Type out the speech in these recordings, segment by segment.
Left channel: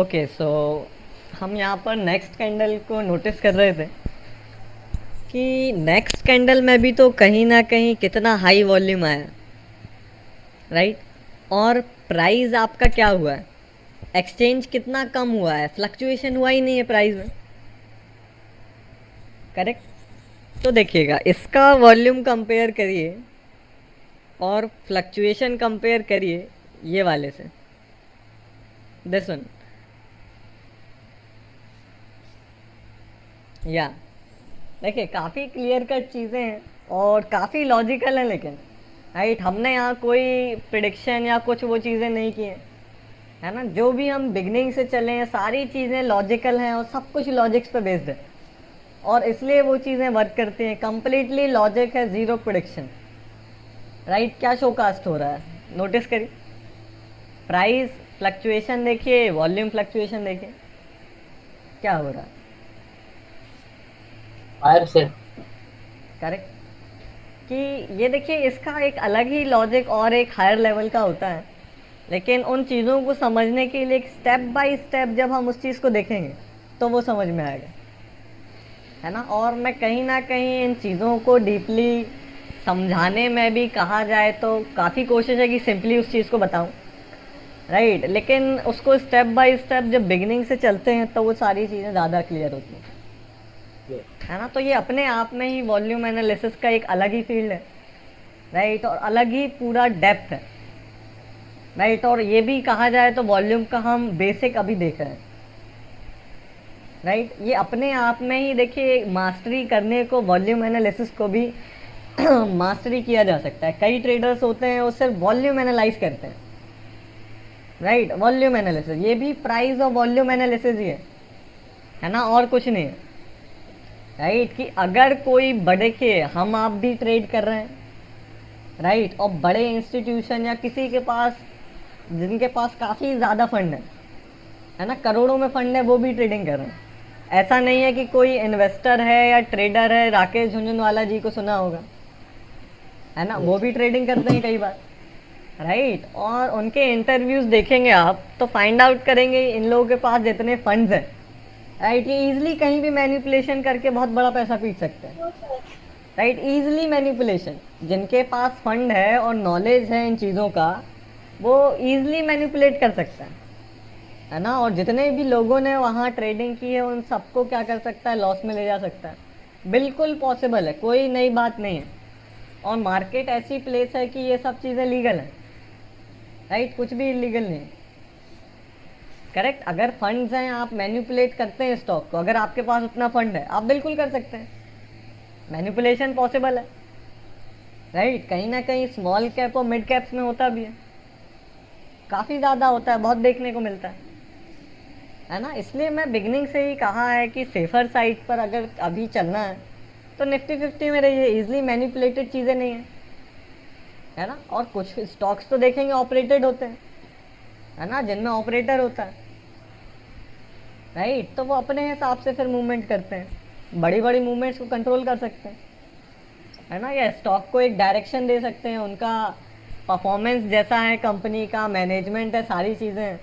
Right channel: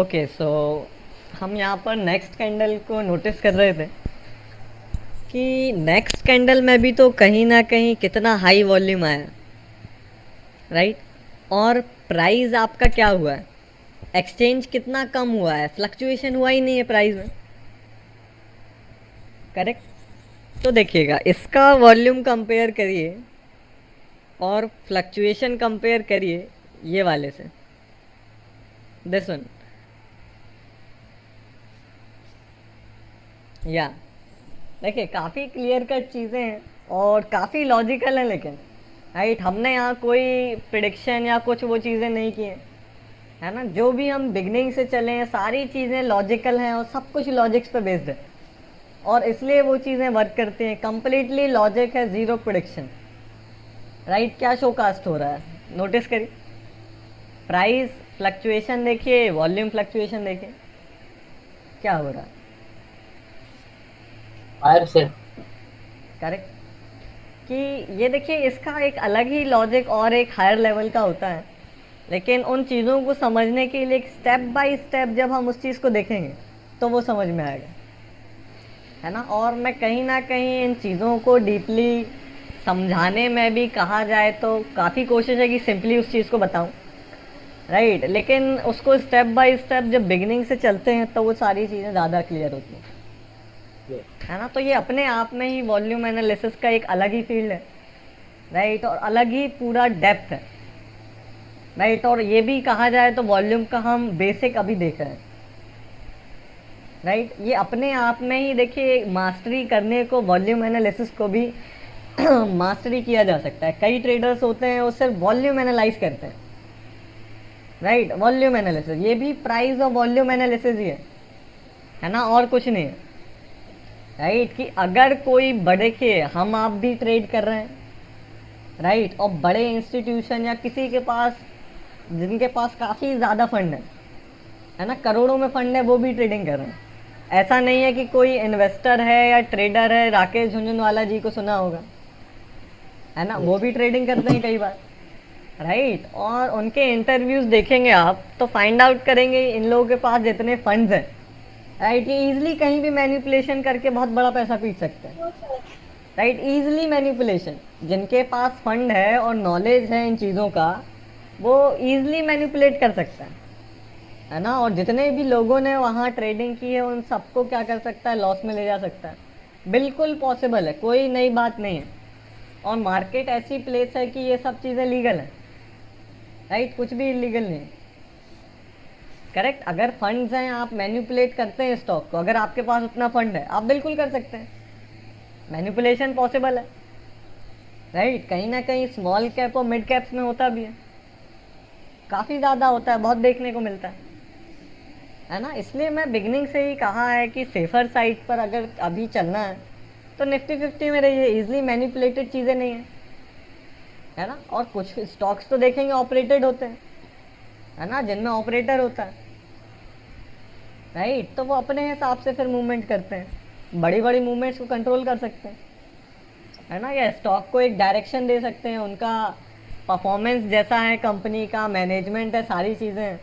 Okay so हम यहाँ पर नेक्स्ट कैंडल को नोटिस कर रहे थे कि नेक्स्ट कैंडल में भी तो कहीं ना कहीं कितना हाई वॉल्यूम आया, राइट? और प्राइस आपका क्या हुआ है, एक्सचेंज कितना कम हुआ है, फ्लक्चुएशन हुआ ही नहीं है प्राइस में, करेक्ट? तो देखिएगा, इसका वॉल्यूम कंपेयर करिए और फ्लक्चुएशन कंपेयर करिए ये वाले से, दिस वन, या देखिए काफ़ी क्लियर कट चीज़ें हैं और काफ़ी लॉजिकल है, लेकिन राइट हमने यहाँ कोई प्रिडिक्शन या कुछ वो चीज़ें नहीं की है ना। जो भी हम बिगनिंग से चले हैं सारी चीज़ें लॉजिकल हैं और सब कुछ लॉजिक्स पे बेस्ड है और इसलिए वो चीज़ें वर्क करती हैं। कंप्लीटली लॉजिक है, जीरो प्रिडिक्शन, राइट? क्या शो कास्ट हो रहा है, नोटिस करिए, प्राइस फ्लक्चुएशन देखिए, वॉल्यूम फ्लक्चुएशन देखिए, क्या हो रहा है, फायर से। करेक्ट? कि ये देखिए इसका एक अलग ही लॉजिक और एक हायर लेवल का होता है, लेकिन उन चीज़ों को समझने के लिए स्टेप बाय स्टेप जब हम उस चीज़ को देखेंगे तो वो समझ में आएगा, है ना। और मैं कहीं ना कहीं इन चीज़ों को डीपली समझाने में भी कहा जाए तो काफ़ी कोशिश है कि सिंपली उस चीज़ को बताऊं, राइट? लेकिन उसको स्टेप बाय स्टेप जब बिगिनिंग से चलते हैं तो वो सारी चीज़ें ज़्यादा क्लियर होती हैं, है ना। तो ये अपने आप में ही वॉल्यूम एनालिसिस का एक अलग ही फील्ड है, राइट? और अलग ही पूरा डेप्थ है, राइट? और ये भी कहा जाए तो वॉल्यूम का हम बेसिक अभी देख रहे हैं, राइट? ये अपने आप में ही देखिए मास्टरी करने को, वॉल्यूम एनालिसिस को भी मास्टरी किया जा सकता है। कई ट्रेडर्स होते हैं वो सिर्फ वॉल्यूम एनालाइज करते हैं, राइट? वॉल्यूम एनालिसिस, ये भी प्राइस और वॉल्यूम एनालिसिस ही है ना, और कुछ नहीं है, राइट? कि अगर कोई बड़े के, हम आप भी ट्रेड कर रहे हैं, राइट? और बड़े इंस्टीट्यूशन या किसी के पास, जिनके पास काफ़ी ज़्यादा फंड है ना, करोड़ों में फंड है, वो भी ट्रेडिंग कर रहे हैं। ऐसा नहीं है कि कोई इन्वेस्टर है या ट्रेडर है, राकेश झुंझुनवाला जी को सुना होगा, है ना, वो भी ट्रेडिंग करते हैं कई बार, राइट? और उनके इंटरव्यूज देखेंगे आप तो फाइंड आउट करेंगे इन लोगों के पास जितने फंड्स हैं, राइट, ये इजिली कहीं भी मैनिपुलेशन करके बहुत बड़ा पैसा पीट सकते हैं, राइट? इजिली मैनिपुलेशन, जिनके पास फंड है और नॉलेज है इन चीज़ों का, वो इजिली मैनिपुलेट कर सकता है ना। और जितने भी लोगों ने वहाँ ट्रेडिंग की है उन सबको क्या कर सकता है, लॉस में ले जा सकता है। बिल्कुल पॉसिबल है, कोई नई बात नहीं है। और मार्केट ऐसी प्लेस है कि ये सब चीज़ें लीगल है, राइट? कुछ भी इलीगल नहीं, करेक्ट? अगर फंड्स हैं, आप मैनिपुलेट करते हैं स्टॉक को, अगर आपके पास उतना फंड है आप बिल्कुल कर सकते हैं, मैनिपुलेशन पॉसिबल है, राइट? कहीं ना कहीं स्मॉल कैप और मिड कैप्स में होता भी है, काफ़ी ज़्यादा होता है, बहुत देखने को मिलता है ना। इसलिए मैं बिगनिंग से ही कहा है कि सेफर साइड पर अगर अभी चलना है तो निफ्टी 50 में रहिए, इजिली मैनिपुलेटेड चीज़ें नहीं है ना। और कुछ स्टॉक्स तो देखेंगे ऑपरेटेड होते हैं, है ना, जिनमें ऑपरेटर होता है, राइट? तो वो अपने हिसाब से फिर मूवमेंट करते हैं, बड़ी बड़ी मूवमेंट्स को कंट्रोल कर सकते हैं, है ना। ये स्टॉक को एक डायरेक्शन दे सकते हैं, उनका परफॉर्मेंस जैसा है, कंपनी का मैनेजमेंट है, सारी चीज़ें हैं,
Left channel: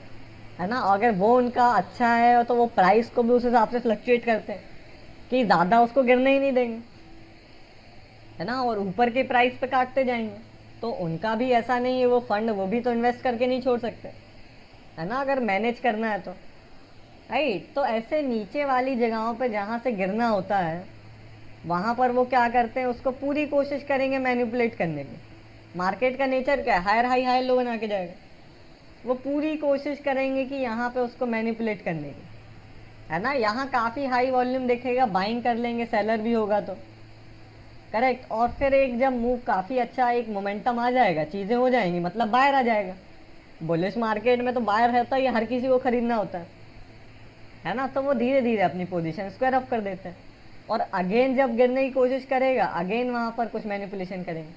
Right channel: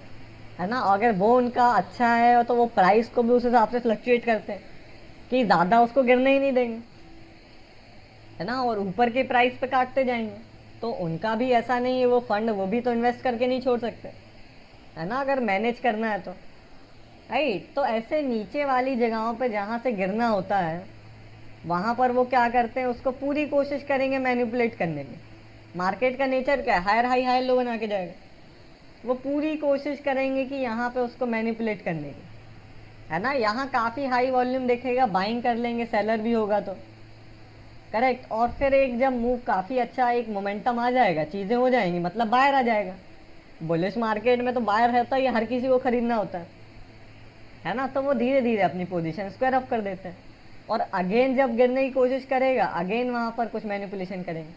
है ना। अगर वो उनका अच्छा है तो वो प्राइस को भी उस हिसाब से फ्लक्चुएट करते हैं कि ज़्यादा उसको गिरने ही नहीं देंगे, है ना, और ऊपर की प्राइस पे काटते जाएंगे। तो उनका भी ऐसा नहीं है, वो फंड वो भी तो इन्वेस्ट करके नहीं छोड़ सकते, है ना, अगर मैनेज करना है तो, राइट? तो ऐसे नीचे वाली जगहों पे जहाँ से गिरना होता है वहाँ पर वो क्या करते हैं, उसको पूरी कोशिश करेंगे मैनिपुलेट करने की। मार्केट का नेचर क्या है, हायर हाई हाई लो बना के जाएगा, वो पूरी कोशिश करेंगे कि यहाँ पे उसको मैनिपुलेट करने की, है ना। यहाँ काफ़ी हाई वॉल्यूम देखेगा, बाइंग कर लेंगे, सेलर भी होगा तो, करेक्ट। और फिर एक जब मूव काफ़ी अच्छा, एक मोमेंटम आ जाएगा, चीज़ें हो जाएंगी, मतलब बायर आ जाएगा। बुलिश मार्केट में तो बायर रहता है, ये हर किसी को खरीदना होता है ना। तो वो धीरे धीरे अपनी पोजीशन को रफ कर देते हैं और अगेन जब गिरने की कोशिश करेगा अगेन वहाँ पर कुछ मैनिपुलेशन करेंगे,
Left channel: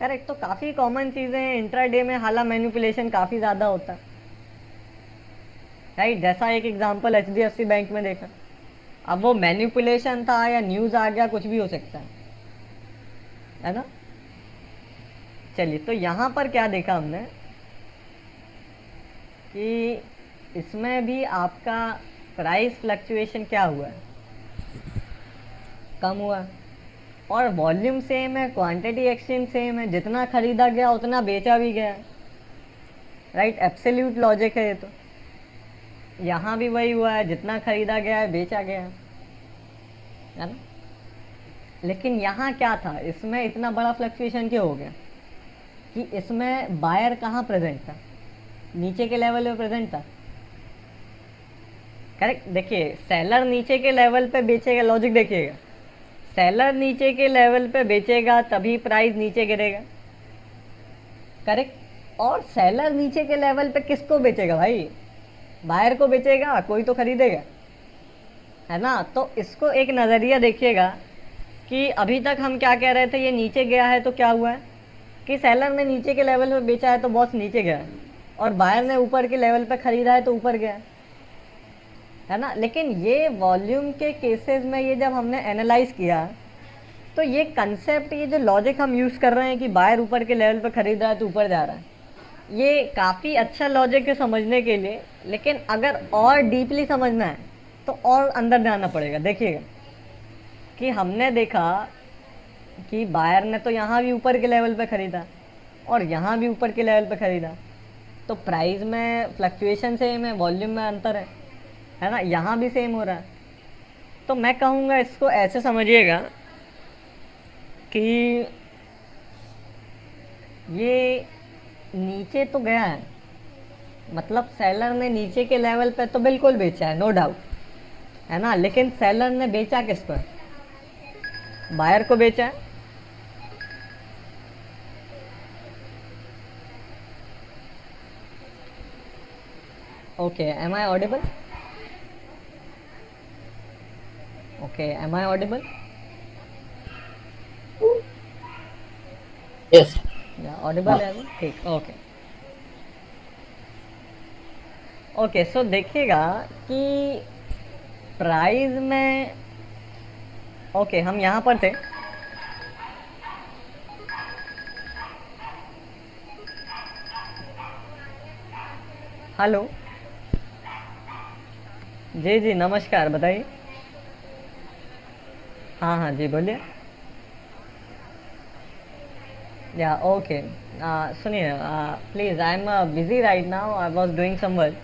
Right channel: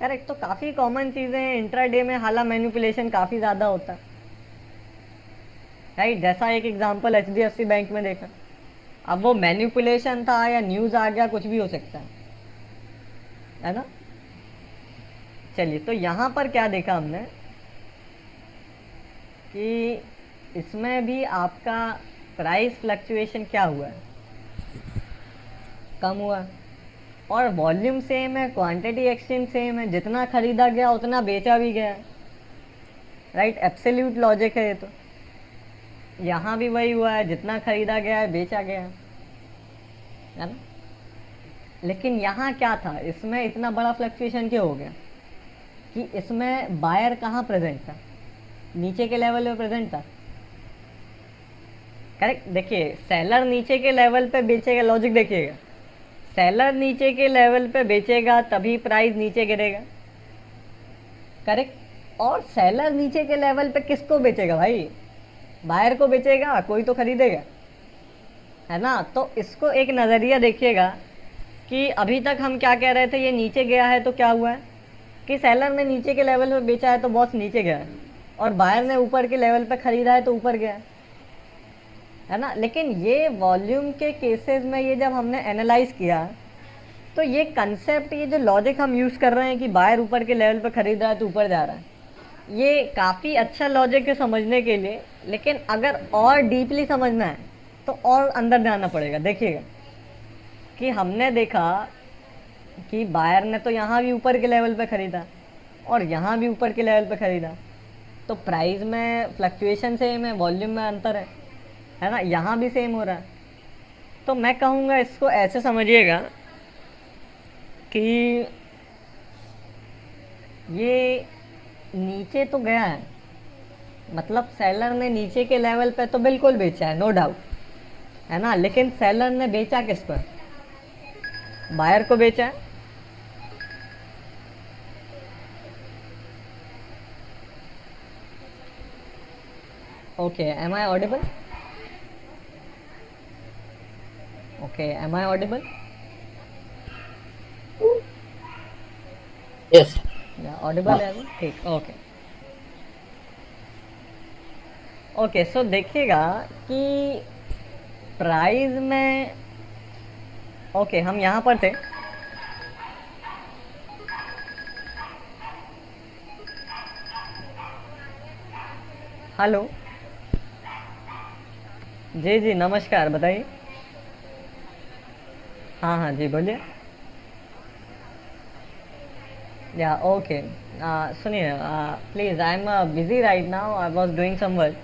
करेक्ट। तो काफ़ी कॉमन चीज़ें इंट्राडे में, हाला मैनिपुलेशन काफ़ी ज़्यादा होता है, राइट? जैसा एक एग्जांपल HDFC बैंक में देखा, अब वो मैनिपुलेशन था या न्यूज़ आ गया, कुछ भी हो सकता है ना। चलिए, तो यहाँ पर क्या देखा हमने कि इसमें भी आपका प्राइस फ्लक्चुएशन क्या हुआ, कम हुआ, और वॉल्यूम सेम है, क्वांटिटी एक्सचेंज सेम है, जितना खरीदा गया उतना बेचा भी गया है, राइट। एब्सोल्यूट लॉजिक है ये तो। यहाँ भी वही हुआ है, जितना खरीदा गया है बेचा गया है ना। लेकिन यहाँ क्या था, इसमें इतना बड़ा फ्लक्चुएशन क्यों हो गया कि इसमें बायर कहाँ प्रेजेंट था, नीचे के लेवल पे प्रेजेंट था, करेक्ट। देखिए सेलर नीचे के लेवल पे बेचेगा, लॉजिक देखिएगा, सेलर नीचे के लेवल पे बेचेगा तभी प्राइस नीचे गिरेगा, करेक्ट। और सेलर नीचे के लेवल पे किसको बेचेगा भाई, बायर को बेचेगा, कोई तो खरीदेगा, है ना। तो इसको एक नज़रिया देखिएगा कि अभी तक हम क्या कह रहे थे, ये नीचे गया है तो क्या हुआ है कि सेलर ने नीचे के लेवल पे बेचा है तो बॉस नीचे गया है, और बायर ने ऊपर के लेवल पे खरीदा है तो ऊपर गया है ना। लेकिन ये वॉल्यूम के केसेस में ये जब हमने एनालाइज किया तो ये कंसेप्ट, ये जो लॉजिक हम यूज़ कर रहे हैं कि बायर ऊपर के लेवल पे खरीद रहा है तो ऊपर जा रहा है, ये काफ़ी अच्छा लॉजिक है समझने के लिए। लेकिन अगर और डीपली समझना है तो और अंदर जाना पड़ेगा। देखिएगा कि हमने देखा कि बायर ने तो यहाँ भी ऊपर के लेवल पे ख़रीदा और यहाँ भी ऊपर के लेवल पे ख़रीदा, तो प्राइस में फ्लक्चुएशन सेम है, वॉल्यूम में अंतर है ना, यहाँ भी सेम हो रहा है। तो मैं कहूँगा इसको ऐसे समझिएगा कि ये नीचे तो गया है, मतलब सेलर ने नीचे के लेवल पे तो बिल्कुल बेचा है, नो डाउट, है ना। लेकिन सेलर ने बेचा किस पर, बायर को बेचा। Okay, am I audible? Okay, am I audible? Yes. या ऑडिबल है अभी? ठीक, ओके ओके। सो देखिएगा कि प्राइस में, ओके हम यहाँ पर थे, हेलो जी जी नमस्कार, बताइए। हाँ हाँ जी बोलिए। या ओके, सुनिए, please I am busy right now, I was doing some work,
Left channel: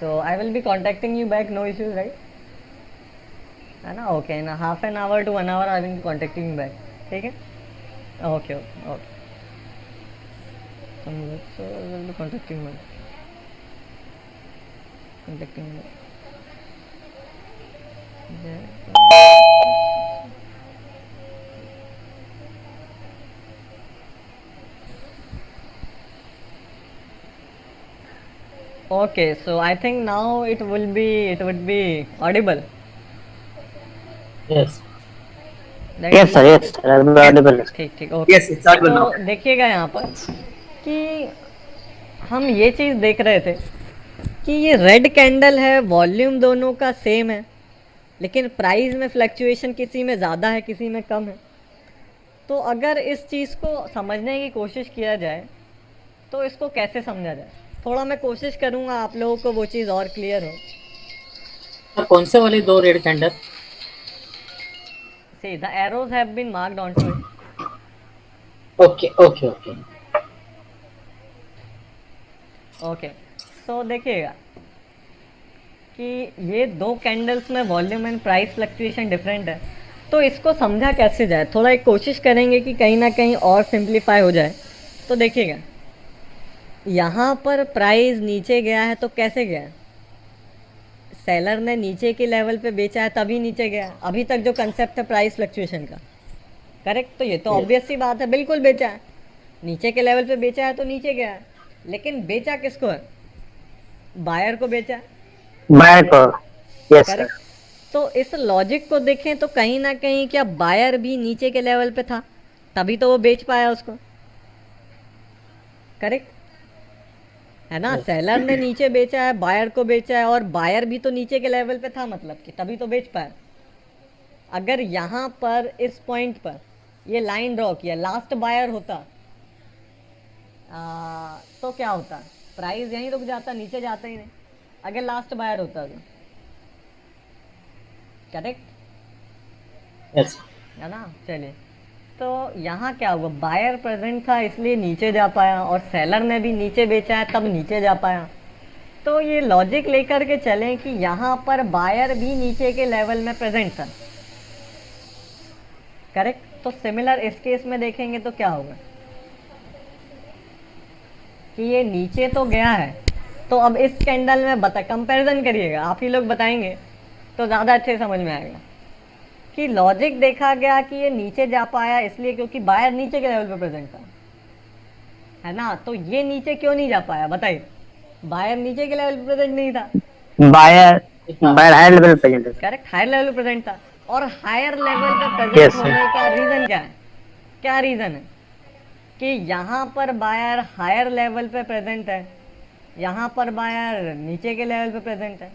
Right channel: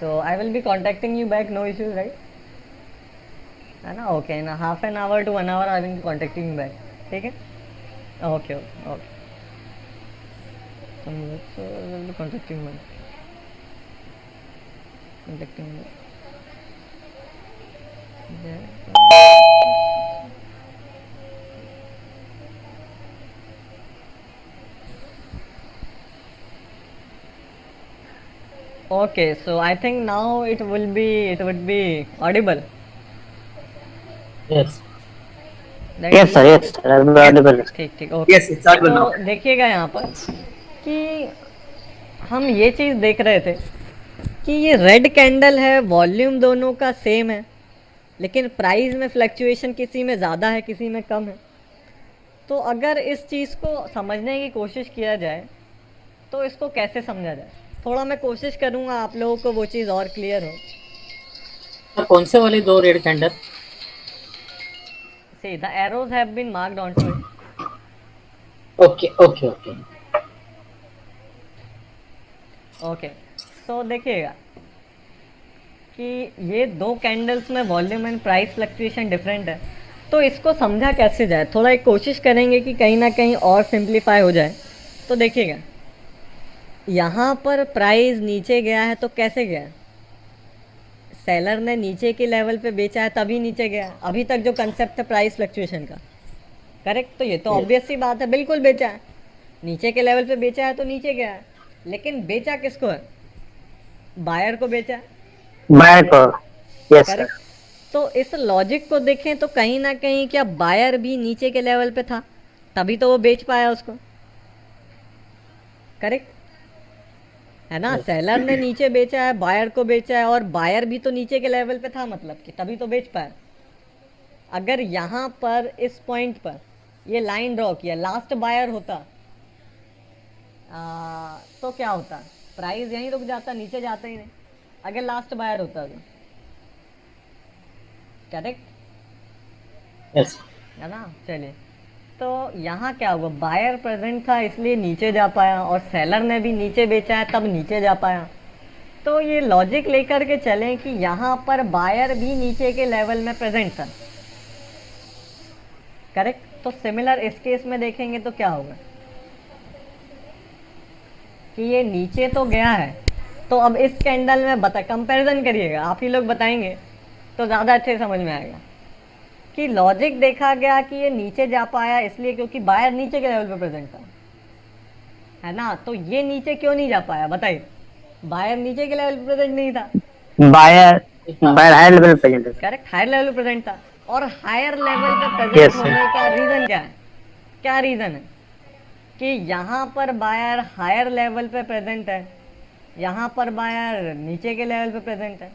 so I will be contacting you back, no issues, right, है ना। Okay, in half an hour to 1 hour I will be contacting you back, ठीक है। Okay okay, contacting you, contacting you. Okay, so I think now it would be audible. Yes. Right? Yes, sir. Yes. Audible. ठीक ठीक, okay. Yes, it's audible now. तो देखिएगा यहाँ पर कि हम ये चीज़ देख रहे थे कि ये रेड कैंडल है, वॉल्यूम दोनों का सेम है, लेकिन प्राइस में फ्लक्चुएशन किसी में ज़्यादा है, किसी में कम है। तो अगर इस चीज़ को समझने की कोशिश किया जाए तो इसको कैसे समझा जाए, थोड़ा मैं कोशिश करूँगा आप लोगों को वो चीज़ और क्लियर हो। सर कौन से वाले दो red candle? See, the arrows have been marked onto it. Okay, okay, okay. Okay, तो देखिएगा कि ये दो कैंडल्स में volume and price fluctuation different है, तो इसको समझा कैसे जाए, थोड़ा एक कोशिश करेंगे कि कहीं ना कहीं और सिंप्लीफाई हो जाए। तो देखिएगा यहाँ पर प्राइस नीचे गया है तो कैसे गया, सेलर ने नीचे के लेवल पे बेचा है तभी नीचे गया, अभी तक जो कंसेप्ट है प्राइस फ्लक्चुएशन का, करेक्ट। तो ये तो ऑब्वियस सी बात है, बिल्कुल बेचा है, नीचे के लेवल पे बेचा है तो नीचे गया है। लेकिन बेचा किसको है, बायर को बेचा है, बायर को। Yes sir. करेक्ट। तो इस लॉजिक को देखें तो कहीं ना कहीं क्या बायर भी नीचे के लेवल पे था तभी तो वो बेच पाया उसको, करेक्ट, है ना। सेलर ने नीचे बेचा है, बायर को बेचा है, और बायर भी तो नीचे के लेवल पे था, मतलब कि तभी तो बेच पाया। अगर यहाँ पर इस पॉइंट पर ये लाइन ड्रॉ किया, लास्ट बायर होता तो क्या होता, प्राइस यहीं रुक जाता, नीचे जाता ही नहीं, अगर लास्ट बायर होता तो, करेक्ट यस है ना। चलिए, तो यहाँ क्या हुआ, बायर प्रेजेंट था इसलिए नीचे जा पाया, और सेलर ने भी नीचे बेचा है तब नीचे जा पाया। तो ये लॉजिक लेकर के चलें कि यहाँ पर बायर भी नीचे के लेवल में प्रेजेंट था, करेक्ट। तो सिमिलर इस केस में देखेंगे तो क्या होगा कि ये नीचे तो गया है, तो अब इस कैंडल में बता कंपैरिजन करिएगा, आप ही लोग बताएंगे तो ज़्यादा अच्छे समझ में आएगा कि लॉजिक देखा गया कि ये नीचे जा पाया इसलिए क्योंकि बायर नीचे के लेवल पे प्रेजेंट था, है ना। तो ये नीचे क्यों नहीं जा पाया बताइए, बायर नीचे के लेवल पे प्रेजेंट नहीं था, buyer buyer higher level present है। करेक्ट, हायर लेवल पे प्रेजेंट था। और हायर लेवल पे प्रेजेंट Yes, sir. होने का रीजन क्या है, क्या रीजन है कि यहाँ पर बायर हायर लेवल पे प्रेजेंट है, यहाँ पर बायर नीचे के लेवल पे प्रेजेंट है,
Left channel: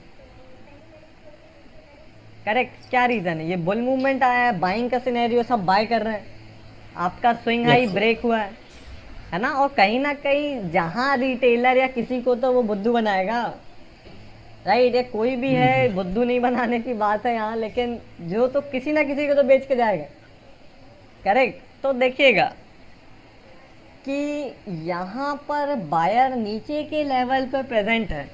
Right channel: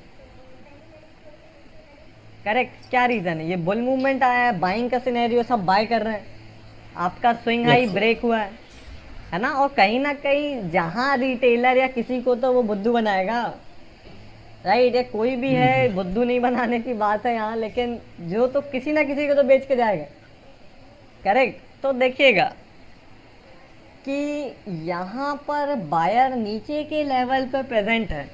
करेक्ट। क्या रीजन है, ये बुल मूवमेंट आया है, बाइंग का सिनेरियो, सब बाय कर रहे हैं, आपका स्विंग हाई Yes. ब्रेक हुआ है ना। और कहीं ना कहीं जहाँ रिटेलर या किसी को तो वो बुद्धू बनाएगा, राइट। ये कोई भी है, बुद्धू नहीं बनाने की बात है यहाँ, लेकिन जो तो किसी ना किसी को तो बेच के जाएगा, करेक्ट। तो देखिएगा कि यहाँ पर बायर नीचे के लेवल पे प्रेजेंट है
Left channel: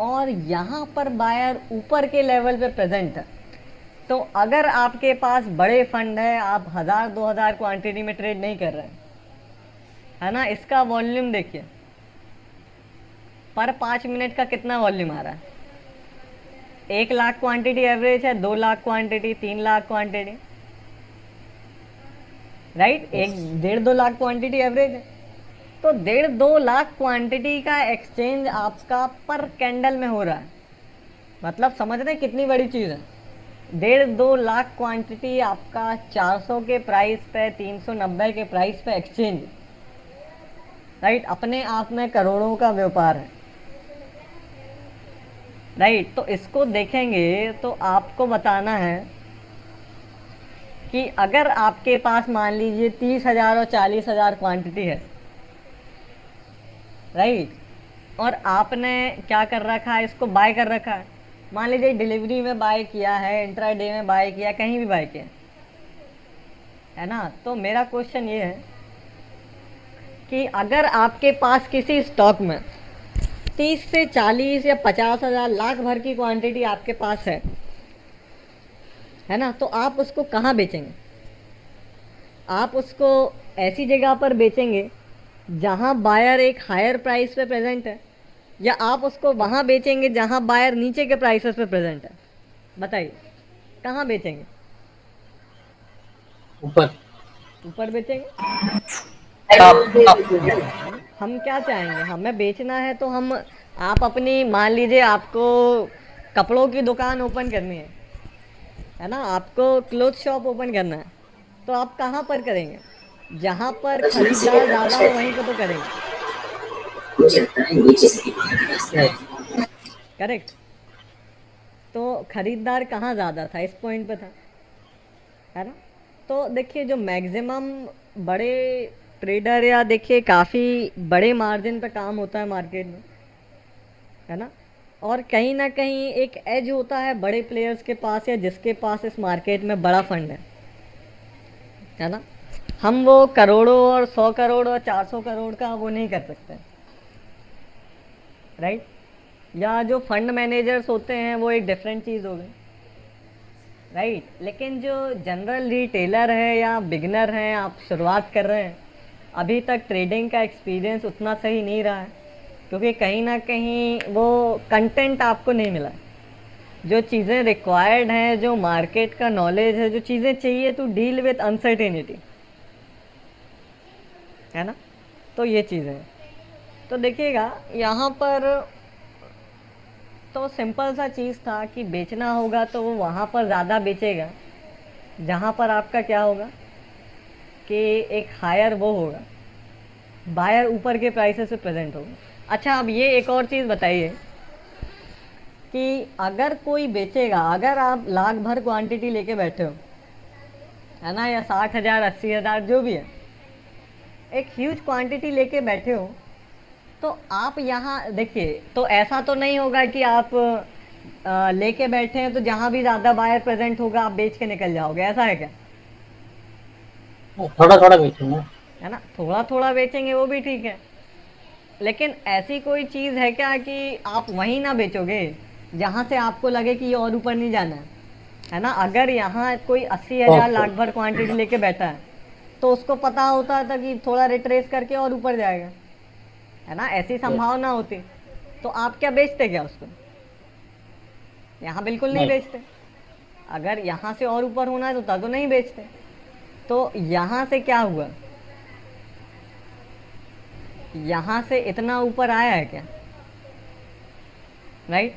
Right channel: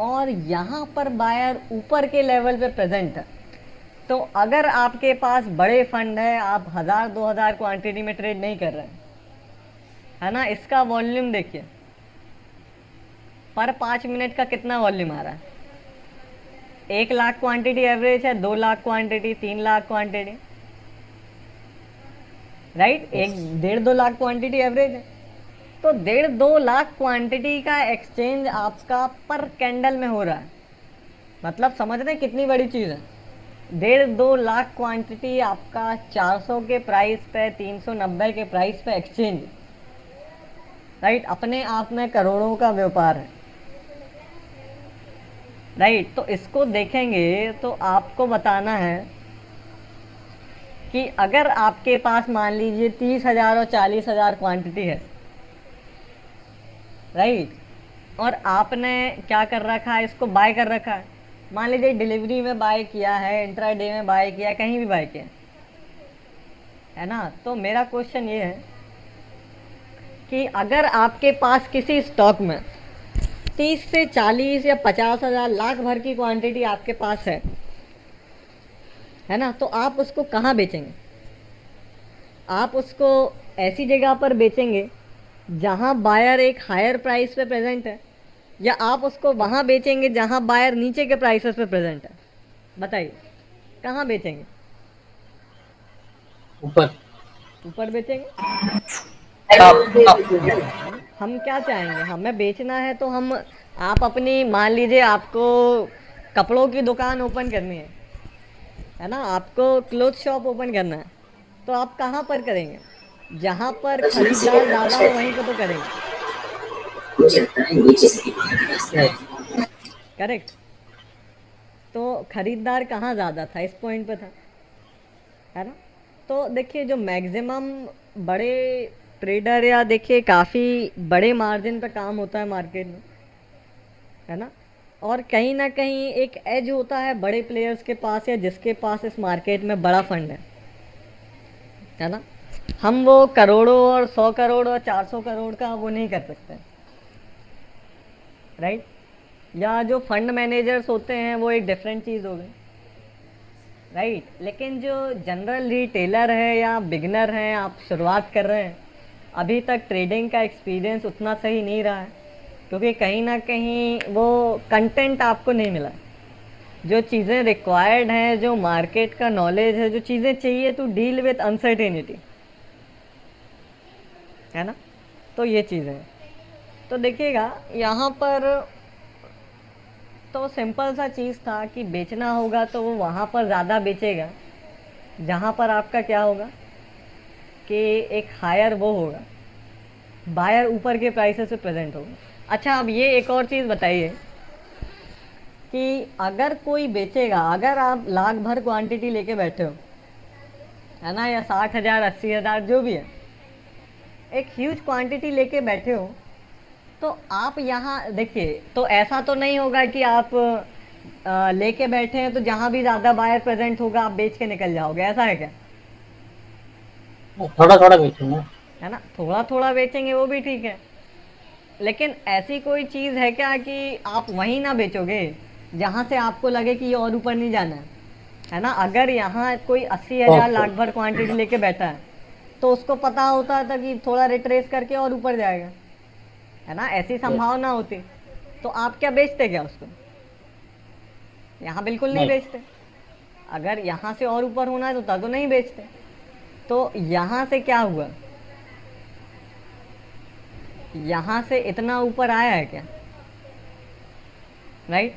और यहाँ पर बायर ऊपर के लेवल पे प्रेजेंट है। तो अगर आपके पास बड़े फंड है, आप 1000-2000 क्वांटिटी में ट्रेड नहीं कर रहे, है ना, इसका वॉल्यूम देखिए, पर 5 मिनट का कितना वॉल्यूम आ रहा है, 1 लाख क्वांटिटी एवरेज है, 2 lakh quantity, 3 lakh quantity, right, 1.5-2 lakh quantity average है। तो 1.5-2 लाख क्वांटिटी का एक्सचेंज आपका पर कैंडल में हो रहा है, मतलब समझ रहे कितनी बड़ी चीज़ है। 1.5-2 लाख क्वांटिटी आपका 400 के प्राइस पे, 390 के प्राइस पे एक्सचेंज, राइट, अपने आप में करोड़ों का व्यापार है, राइट। तो इसको देखेंगे तो आपको बताना है कि अगर आपके पास मान लीजिए 30,000 और 40,000 क्वांटिटी है, राइट, और आपने क्या कर रखा है, इसको बाय कर रखा है, मान लीजिए डिलीवरी में बाय किया है, इंट्राडे में बाय किया, कहीं भी बाय किया, है ना। तो मेरा क्वेश्चन ये है कि अगर आपके पास किसी स्टॉक में 30 से 40 या 50,000 लाख भर की क्वांटिटी आपके पास है ना, तो आप उसको कहाँ बेचेंगे, आप उसको ऐसी जगह पर बेचेंगे जहाँ बायर एक हायर प्राइस पे प्रेजेंट है, या आप उसको वहाँ बेचेंगे जहाँ बायर नीचे के प्राइसेस पे प्रेजेंट है, बताइए कहाँ बेचेंगे, ऊपर ऊपर बेचेंगे। हम क्या चाहेंगे, हमें बेचना है तो हम, आप अपनी मान लीजिए आपको कपड़ों की दुकान ओपन करनी है ना, आपको क्लोथ शॉप ओपन करना है, तो आप कहाँ पर करेंगे, जहाँ पर खरीदार ज़्यादा हो वहीं पर तो करेंगे, करेक्ट। तो खरीदार कहाँ ज़्यादा था, इस पॉइंट पे था, है ना। तो देखिए जो मैक्सिमम बड़े ट्रेडर या देखिए काफ़ी बड़े मार्जिन पे काम होता है मार्केट में, है ना, और कहीं ना कहीं एक एज होता है बड़े प्लेयर्स के पास, या जिसके पास इस मार्केट में बड़ा फंड है ना। हम वो करोड़ों और 100 करोड़ और 400 करोड़ का वो नहीं कर सकते, राइट। या जो फंड मैनेजर्स होते हैं वो एक डिफरेंट चीज़ हो गई, राइट। लेकिन जो जनरल रिटेलर है या बिगनर हैं, आप शुरुआत कर रहे हैं, अभी तक ट्रेडिंग का एक्सपीरियंस उतना सही नहीं रहा है, क्योंकि कहीं ना कहीं वो कंटेंट आपको नहीं मिला, जो चीज़ें रिक्वायर्ड हैं, जो मार्केट का नॉलेज है, जो चीज़ें चाहिए टू डील विद अनसर्टेनिटी, है ना। तो ये चीज़ें हैं। तो देखिएगा यहाँ पर तो सिंपल सा चीज़ था कि बेचना होगा तो वो वहाँ पर ज़्यादा बेचेगा जहाँ पर आपका क्या होगा कि एक हायर वो होगा, बायर ऊपर के प्राइसेस से प्रेजेंट होगा। अच्छा, अब ये एक और चीज़ बताइए कि अगर कोई बेचेगा, अगर आप लाख भर क्वांटिटी लेके बैठे हो, है ना, या 60,000 80,000 जो भी है, एक ह्यूज क्वांटिटी लेके बैठे हो, तो आप यहाँ देखिए, तो ऐसा तो नहीं होगा कि आप लेके बैठे हैं तो जहां भी ज्यादा बायर प्रेजेंट होगा आप बेच के निकल जाओगे, ऐसा है क्या? थोड़ा थोड़ा बेचूंगा। है ना, थोड़ा थोड़ा बेचेंगे वो भी ठीक है, लेकिन ऐसी कोई चीज है क्या कि आप वहीं ना बेचोगे जहां से आपको लगे कि ये और ऊपर नहीं जाना है ना? अगर यहाँ कोई 80,000 ओके। लाख भर क्वांटिटी लेके बैठा है तो उसको पता होता था कि थोड़ा रिट्रेस करके और ऊपर जाएगा, है ना? ऐसी संभावना होती तो आप क्या बेचते क्या उसको? यहाँ बिल्कुल नहीं नहीं। बेचते। अगर यहाँ से और ऊपर होना है तो तब तो नहीं बेचते। तो यहाँ से क्या हुआ, यहाँ से इतना ऊपर आया है क्या? राइट,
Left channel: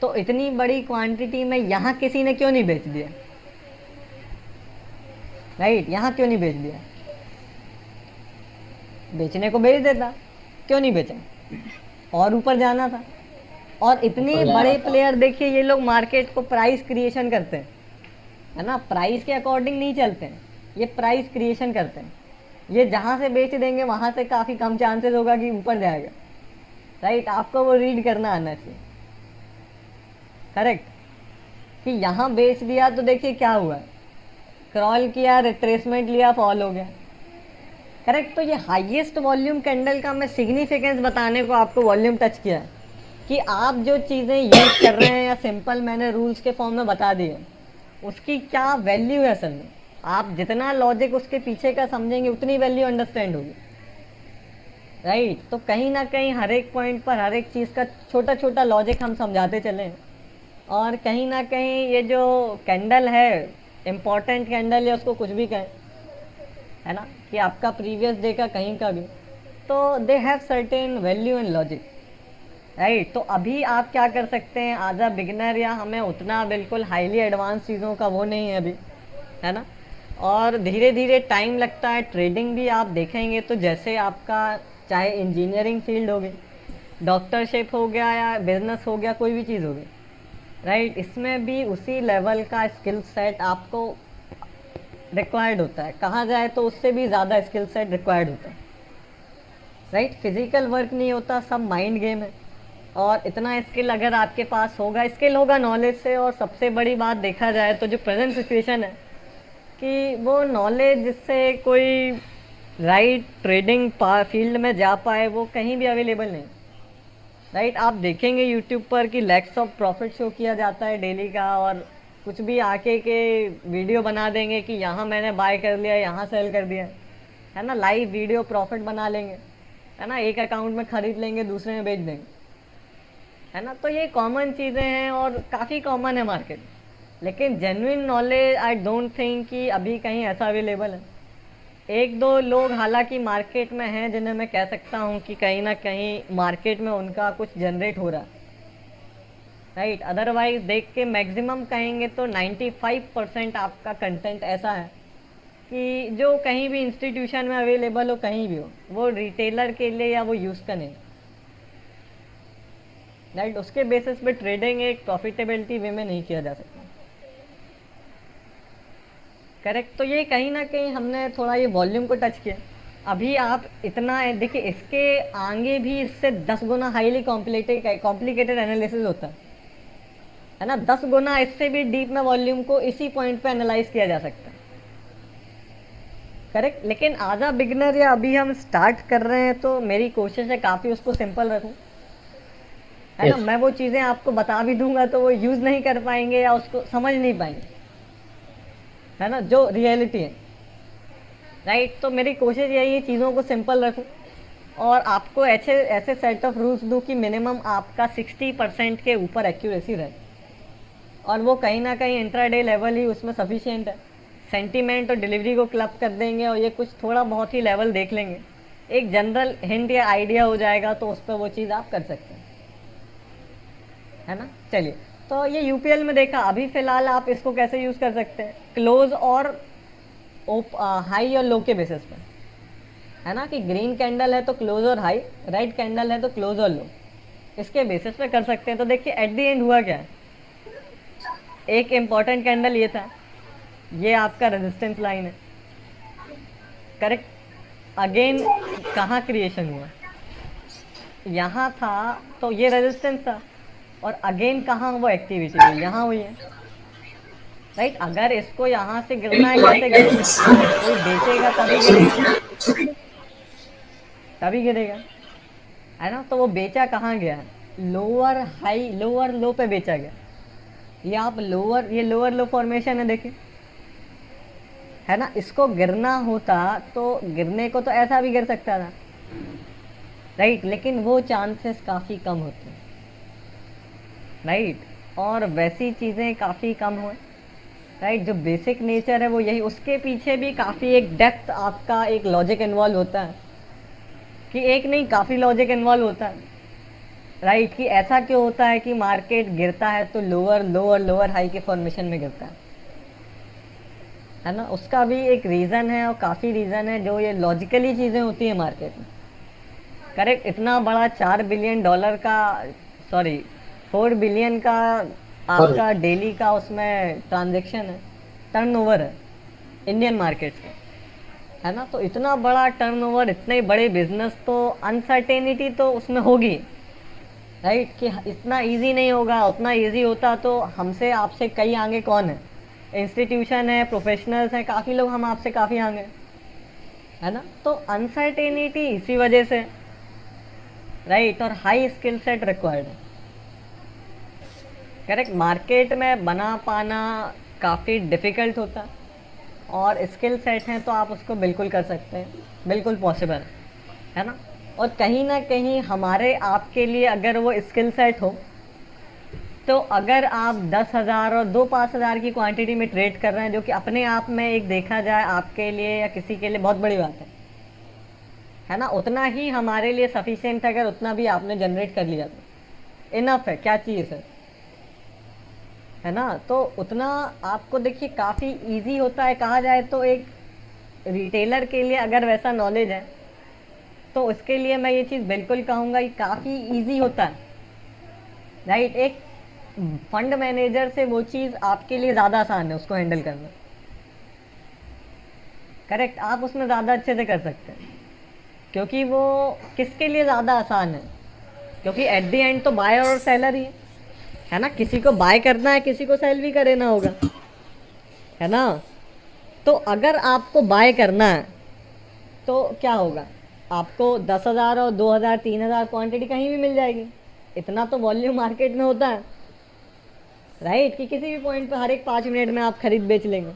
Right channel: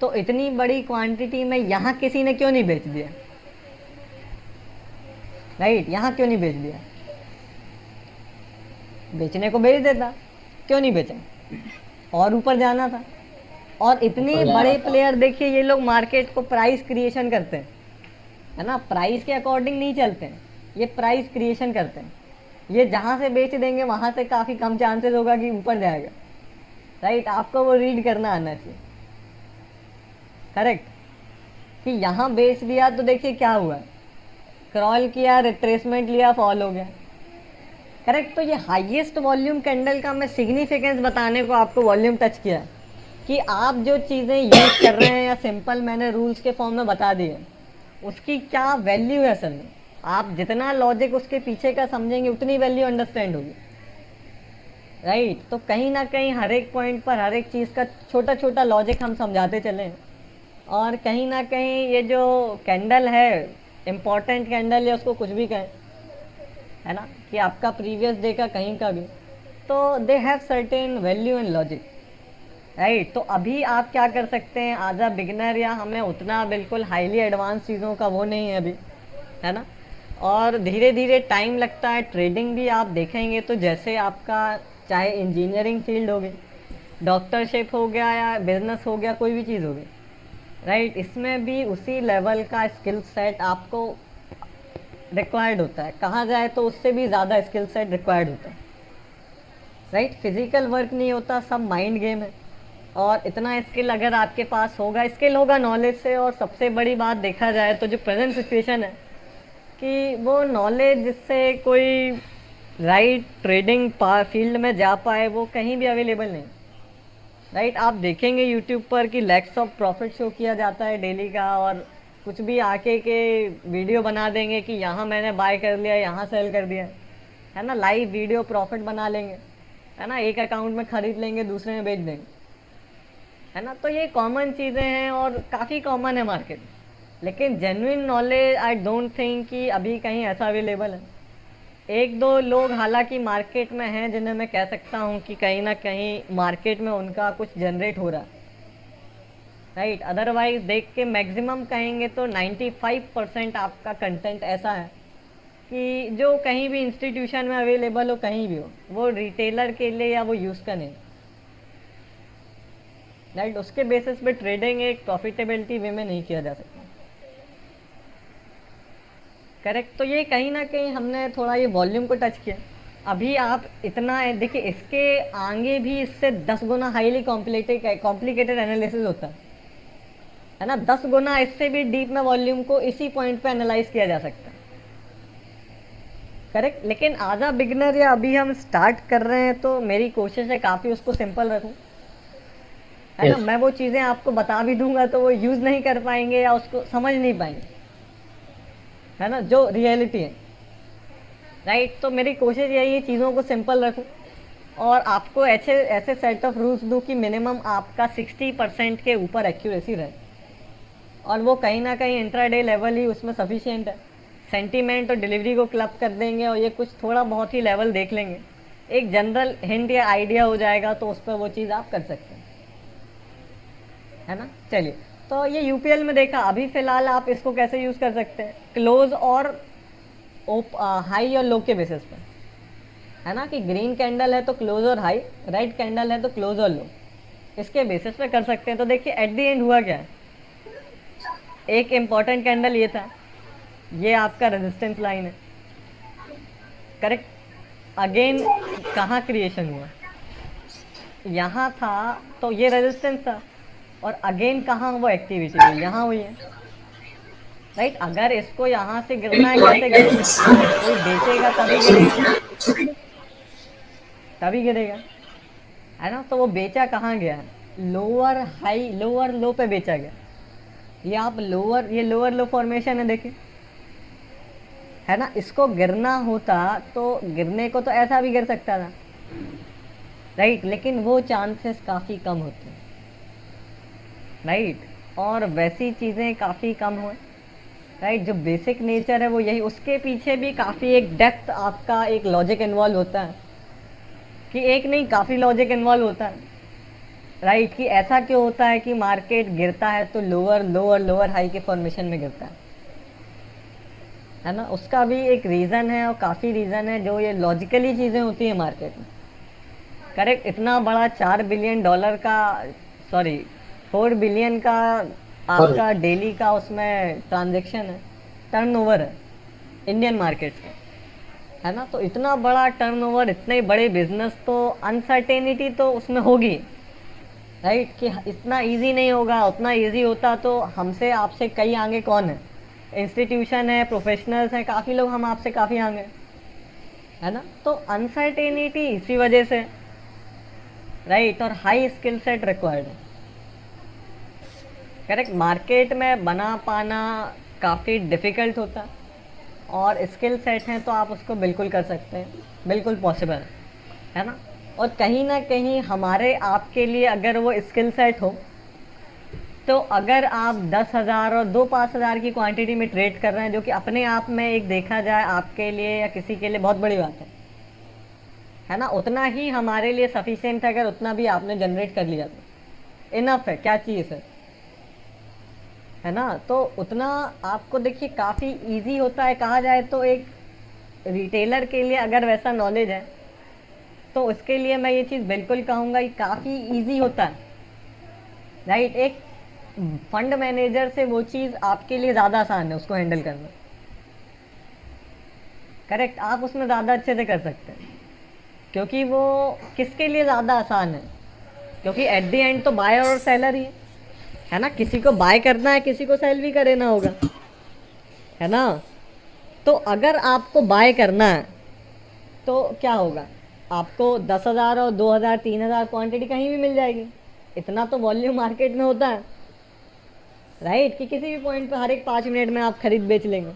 तो इतनी बड़ी क्वांटिटी में यहाँ किसी ने क्यों नहीं बेच दिया? राइट, यहाँ क्यों नहीं बेच दिया? बेचने को बेच देता, क्यों नहीं बेचा? और ऊपर जाना था। और इतने ऊपर जाना बड़े था। प्लेयर देखिए, ये लोग मार्केट को प्राइस क्रिएशन करते हैं, है ना? प्राइस के अकॉर्डिंग नहीं चलते हैं, ये प्राइस क्रिएशन करते हैं। ये जहां से बेच देंगे वहां से काफी कम चांसेस होगा कि ऊपर जाएगा। राइट, आपको वो रीड करना आना चाहिए। करेक्ट, कि यहाँ बेच दिया तो देखिए क्या हुआ, क्रॉल किया, रिट्रेसमेंट लिया, फॉल हो गया। करेक्ट, तो ये हाईएस्ट वॉल्यूम कैंडल का मैं सिग्निफिकेंस बताने को आपको वॉल्यूम टच किया कि आप जो चीज़ें यूज कर रहे हैं या सिंपल मैंने रूल्स के फॉर्म में बता दिए, उसकी क्या वैल्यू है असल में। आप जितना लॉजिक उसके पीछे का समझेंगे उतनी वैल्यू अंडरस्टैंड होगी। राइट, तो कहीं ना कहीं हर एक पॉइंट पर हर एक चीज़ का छोटा छोटा लॉजिक हम समझाते चलें, और कहीं ना कहीं ये जो कैंडल है, इम्पोर्टेंट कैंडल है, उसको कुछ भी कहें, है ना, कि आपका प्रीवियस डे का कहीं का भी, तो they have certain value and logic. Right, तो अभी आप क्या कर सकते हैं एज अ बिगिनर, या हमें उतना बिल्कुल हाईली एडवांस चीज़ों का वो नहीं है अभी, है ना? और धीरे धीरे टाइम लगता है। ट्रेडिंग भी आप देखेंगे तो जैसे आपका चाहे इंजीनियरिंग फील्ड हो गई, डॉक्टरशिप हो गया, या बिजनेस हो गया, कोई भी चीज़ हो गई, राइट, इसमें भी उसी लेवल का स्किल सेट आपको रिक्वायर्ड होता है। कहाँ जाए तो उससे भी ज़्यादा स्किल सेट रिक्वायर्ड होता है। राइट, फिजिकल वर्क नहीं होता, सब माइंड गेम है। और इतना स्किल अगर आपके पास होगा, स्किल होगा नॉलेज से, और सबसे बड़ी बात देखा जाए तो जो प्रेजेंट सिचुएशन है कि वो नॉलेज जिससे कोई राइट ट्रेडिंग फील्ड में जा पाए, वो कहीं भी अवेलेबल नहीं। राइट, आप देखेंगे यूट्यूब पर कि लैक्स ऑफ प्रॉफिट शो किया जाता है डेली का, और कुछ भी आके के वीडियो बना देंगे कि यहाँ मैंने बाय कर लिया, यहाँ सेल कर दिया, है ना? लाइव वीडियो प्रॉफिट बना लेंगे, है ना? एक अकाउंट में खरीद लेंगे, दूसरे में बेच देंगे, है ना? तो ये कॉमन चीज़ें हैं और काफ़ी कॉमन है मार्केट, लेकिन genuine knowledge I don't think कि अभी कहीं ऐसा अवेलेबल है। एक दो लोग हालांकि मार्केट में हैं जिन्हें मैं कह सकता हूँ कि कहीं ना कहीं मार्केट में उनका कुछ जनरेट हो रहा है। राइट, अदरवाइज देख के मैक्सिमम कहेंगे तो 95% आपका कंटेंट ऐसा है कि जो कहीं भी इंस्टीट्यूशन में अवेलेबल हो, कहीं भी हो, वो रिटेलर के लिए या वो यूज़ का नहीं। राइट, उसके बेसिस पे ट्रेडिंग एक प्रॉफिटेबिलिटी वे में नहीं किया जा सकता। करेक्ट, तो ये कहीं ना कहीं हमने थोड़ा ये वॉल्यूम को टच किया। अभी आप इतना देखिए, इसके आगे भी इससे 10 गुना हाईली कॉम्प्लिकेटेड एनालिसिस होता है ना? 10 गुना इससे भी डीप में वॉल्यूम को इसी पॉइंट पे एनालाइज किया जा सकता है। करेक्ट, लेकिन आधा बिगनर या अभी हम स्टार्ट कर रहे हैं तो मेरी कोशिश है काफ़ी उसको सिंपल रखूं, है ना? Yes. मैं वो चीज़ें आपको बता भी दूंगा तो वो यूज़ नहीं कर पाएंगे या उसको समझ नहीं पाएंगे, है ना, जो रियलिटी है। राइट, तो मेरी कोशिश यही है चीज़ों को सिंपल रखूं और आपको ऐसे ऐसे सेट ऑफ रूल्स दूं कि मिनिमम आपका 60% के ऊपर एक्यूरेसी रहे, और वो कहीं ना कहीं इंट्राडे लेवल ही उसमें सफिशिएंट है। सेंटीमेंट और डिलीवरी को क्लब कर देंगे और ये कुछ थोड़ा बहुत ही लेवल देख लेंगे, एक जनरल हिंट या आइडिया हो जाएगा, तो उस पर वो चीज़ आप कर सकते हैं, है ना? चलिए, तो ये यूपीएल में देखा। अभी फिलहाल आप इसको कैसे यूज़ कर सकते हैं, क्लोज और हाई और लो के बेसिस पे, है ना? कि ग्रीन कैंडल है तो क्लोज और हाई, रेड कैंडल है तो क्लोज और लो, इसके बेसिस पे कर सकते हैं। तो देखिए एट द एंड हुआ क्या है, एक इम्पॉर्टेंट कैंडल ये था, ये आपका रेजिस्टेंस लाइन है। करेक्ट, अगेन कहाँ क्रिएशन हुआ, यहाँ था तो ये रेजिस्टेंस था, और अगेन कहाँ वो एक्टिविटी हुई, यहाँ हुई है। राइट, अगर इसको यहाँ से गिरना है, कैसे गिरेगा, कोई बेचेगा तभी गिरेगा, तभी गिरेगा, है ना। तो वो बेचा कहाँ गया, लोअर हाई, लोअर लो पे बेचा गया। ये आप लोअर, ये लोअर लो फॉर्मेशन है देखिए, है ना। इसको गिरना होता तो गिरने को तो ऐसा भी गिर सकता था, राइट, लेकिन वो चांसेस काफ़ी कम होते हैं, राइट, और वैसी चीज़ें काफ़ी कम हुए, राइट। जो बेसिक नेचर है वो यही, उसके पीछे भी काफ़ी एक डेप्थ, आपका एक लॉजिक इन्वॉल्व होता है, कि एक नहीं काफ़ी लॉजिक इन्वॉल्व होता है, राइट, कि ऐसा क्यों होता है कि मार्केट गिरता है तो लोअर लो और लोअर हाई के फॉर्मेशन में गिरता है ना। उसका भी एक रीज़न है, और काफ़ी रीज़न है, जो ये लॉजिकली चीज़ें होती हैं मार्केट में। करेक्ट, इतना बड़ा $4 बिलियन का, सॉरी 4 बिलियन का आपका डेली का उसमें ट्रांजैक्शन है, टर्नओवर है इंडियन मार्केट में, है ना। तो इतना बड़ा टर्नओवर, इतने बड़े बिजनेस, तो अनसर्टेनिटी तो उसमें होगी, राइट, कि इतना इजी नहीं होगा। उतना इजी होता तो हमसे आपसे कई आगे कौन है, इंस्टीट्यूशन है, प्रोफेशनल्स है, काफ़ी लोग हम आपसे काफ़ी आगे, है ना। तो अनसर्टेनिटी इसी वजह से, राइट, और high skill set required. Correct, market में बना पाना काफ़ी डिफ़िकल्ट होता है, और स्किल सेट है तो आप उसको बिल्कुल कर सकते हैं, बिल्कुल पॉसिबल है ना। और कहीं ना कहीं हमारे आपके लिए अगर वो स्किल सेट हो, तो अगर आप 10,000 और 5,000 की क्वांटिटी में ट्रेड कर रहे हैं, जो कि अपने आप में एक देखा जाए आपके लिए या किसी के लिए बहुत बड़ी बात है ना, उतना ही हमारे लिए सफिशिएंट है, अगर उतना भी आपने जनरेट कर लिया तो इनफ है, क्या चाहिए सर, है ना। तो उतना आपको देखिए काफ़ी इजी होता है, कहा जाए तो एक रिटेलर के लिए अगर वैसा नॉलेज है, तो उसके लिए मैं ये चीज़ बिल्कुल कहूँगा कि काफ़ी इजी होता है, राइट। एक फंड मैनेजर से वो चीज़ आपके लिए ज़्यादा आसान है उसको हैंडल करना, करेक्ट, आप उसमें ज़्यादा अच्छे से कर सकते हैं, क्योंकि वो किसके लिए ज़्यादा आसान है, क्योंकि एट द एंड तो बायर और सेलर ही है ना। किसी को बाय करना है, किसी को सेल भी करना होगा, है ना। तो अगर आपको बाय करना है तो क्या होगा, आपको 10,000 और 2,000 3,000 क्वांटिटी कहीं भी मिल जाएगी, इतना तो वॉल्यूम मार्केट में होता है, राइट, कि किसी भी पॉइंट पर हर एक 5 मिनट में आप खरीद बेच लेंगे,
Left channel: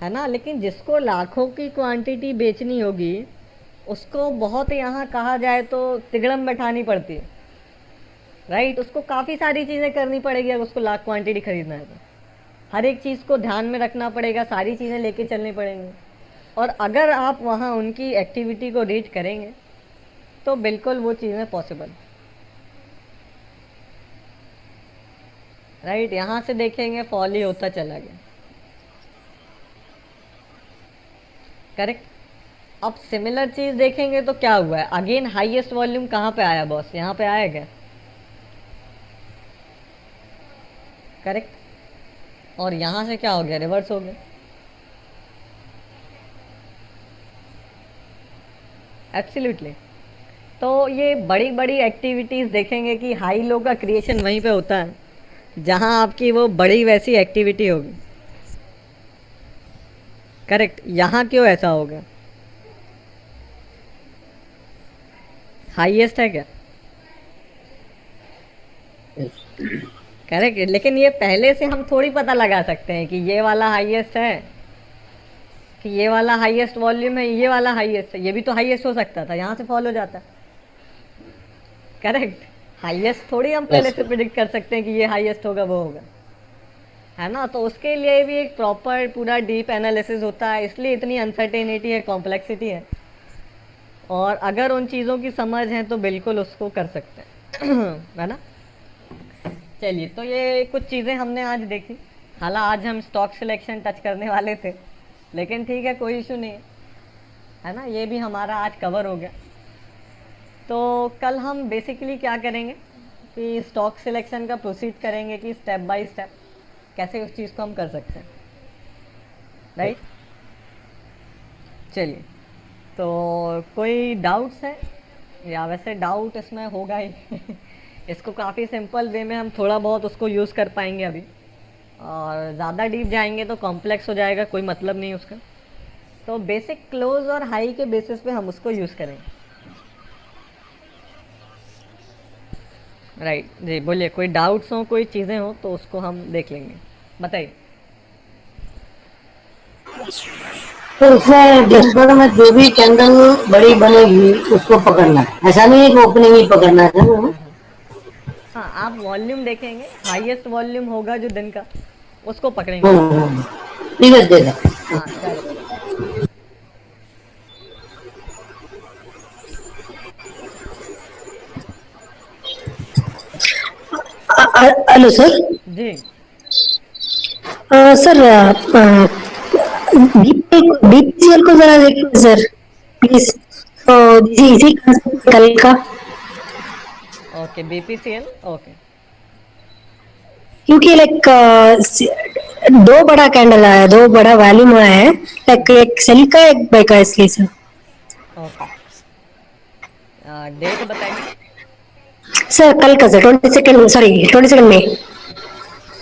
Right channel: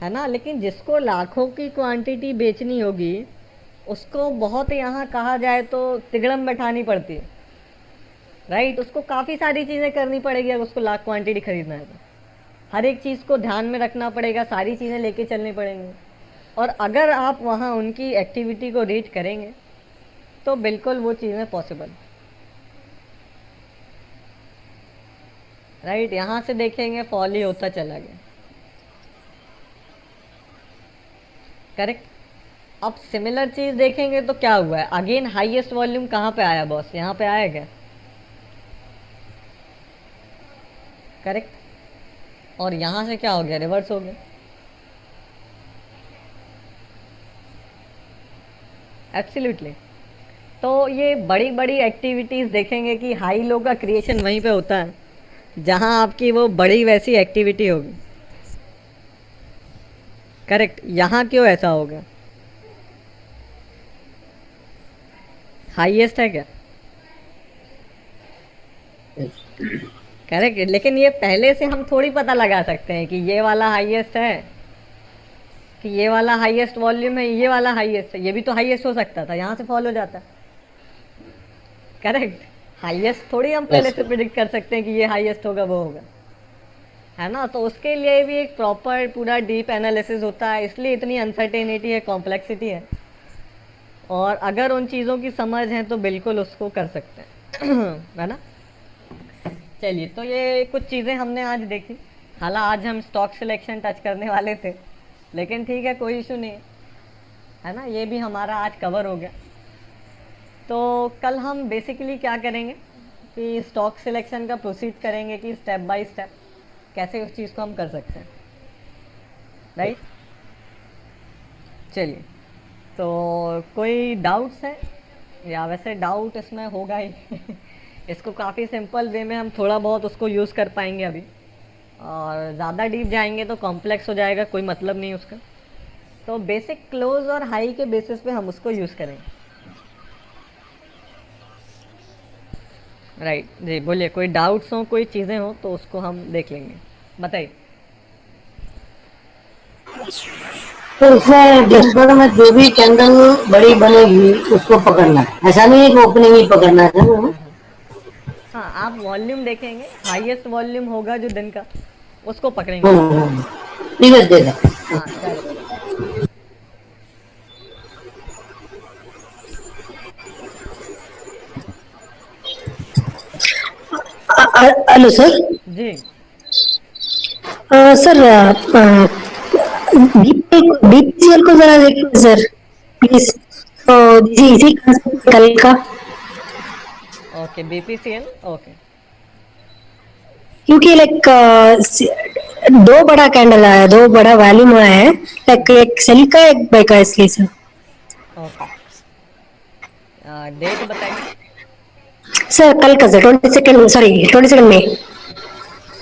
है ना। लेकिन जिसको लाखों की क्वांटिटी बेचनी होगी, उसको बहुत यहाँ कहा जाए तो तिगड़म बैठानी पड़ती है, राइट, उसको काफ़ी सारी चीज़ें करनी पड़ेगी अगर उसको लाख क्वांटिटी खरीदना है तो, हर एक चीज़ को ध्यान में रखना पड़ेगा, सारी चीज़ें लेके चलनी पड़ेंगी, और अगर आप वहाँ उनकी एक्टिविटी को रीड करेंगे तो बिल्कुल वो चीज़ें पॉसिबल, राइट। यहाँ से देखेंगे फॉल ही होता चला गया, करेक्ट। अब सिमिलर चीज़ देखेंगे तो क्या हुआ है, अगेन हाईएस्ट वॉल्यूम कहाँ पे आया बॉस, यहाँ पे आया क्या, करेक्ट, और यहाँ से क्या हो गया, रिवर्स हो गया, एब्सोल्युटली। तो ये बड़ी बड़ी एक्टिविटीज़ देखेंगे कि हाई लो का क्रिएशन वहीं पे होता है जहाँ आपकी वो बड़ी वैसी एक्टिविटी होगी, करेक्ट। यहाँ क्यों ऐसा हो गया, हाईएस्ट है क्या, करेक्ट, लेकिन ये पहले से हम थोड़ी पता लगा सकते हैं कि ये वाला हाईएस्ट है, कि ये वाला हाईएस्ट वॉल्यूम है, ये वाला हाईएस्ट है, ये भी तो हाईएस्ट हो सकता था, यहाँ से फॉल हो जाता, करेक्ट। हाईएस्ट थोड़ी हम पहले से प्रिडिक्ट कर सकते हैं कि ये हाईएस्ट होगा, वो होगा, है ना। तो उसके लिए भी एक प्रॉपर पूरा डीप एनालिसिस होता है, इसलिए इतनी अनसर्टेनिटी है, कॉम्प्लेक्सिटी है, और अगर उन चीज़ों की समझ है तो बिल्कुल उसको कर सकते हैं है ना। चलिए, तो ये कुछ चीज़ें हमने आज देखी, हालांकि आज हम स्टॉक सिलेक्शन टच करने वाले थे, लेकिन ठीक है, कोई इशू नहीं है ना, ये भी हमारा आज कवर हो गया। तो कल हम बेसिकली क्या करेंगे कि स्टॉक सिलेक्शन का प्रोसीड करेंगे कि स्टेप बाय स्टेप कैसे उस चीज़ को हम कर सकते हैं, राइट। चलिए, तो कोई डाउट्स है, या वैसे डाउट इसमें होगा ही इसको काफ़ी सिंपल वे में हम थोड़ा बहुत उसको यूज़ कर पाएंगे अभी, और ज़्यादा डीप जाएंगे तो कॉम्प्लेक्स हो जाएगा, कोई मतलब नहीं उसका। तो बेसिक क्लोज और हाई के बेसिस पे हम उसको यूज़ करेंगे। राइट जी, बोलिए, कोई डाउट्स हो, कोई चीज़ें हो तो उसको हम देख लेंगे, बताइए। सर इसमें डिस्प्ले में जो भी कैंडल बड़ी बनेगी उसको पकड़ना है, ऐसा नहीं है कि ओपनिंग ही पकड़ना है सर। हाँ, आप वॉल्यूम देखेंगे, हाईएस्ट वॉल्यूम होगा जो दिन का, उसको पकड़ेंगे। ठीक है, ठीक है। हाँ करेक्ट। Hello sir. जी सर बीपीसीएल को जरा देखिए सर प्लीज। जी जी कल का, ओके, बीपीसीएल ओके। क्योंकि लाइक दो बड़ा कैंडल आया है, दो बड़ा वॉल्यूम आया है, लाइक एक सेल का एक बाय का, इसलिए सर। ओके, डेट बताइए। सर कल का सर 22 सॉरी 22 मई।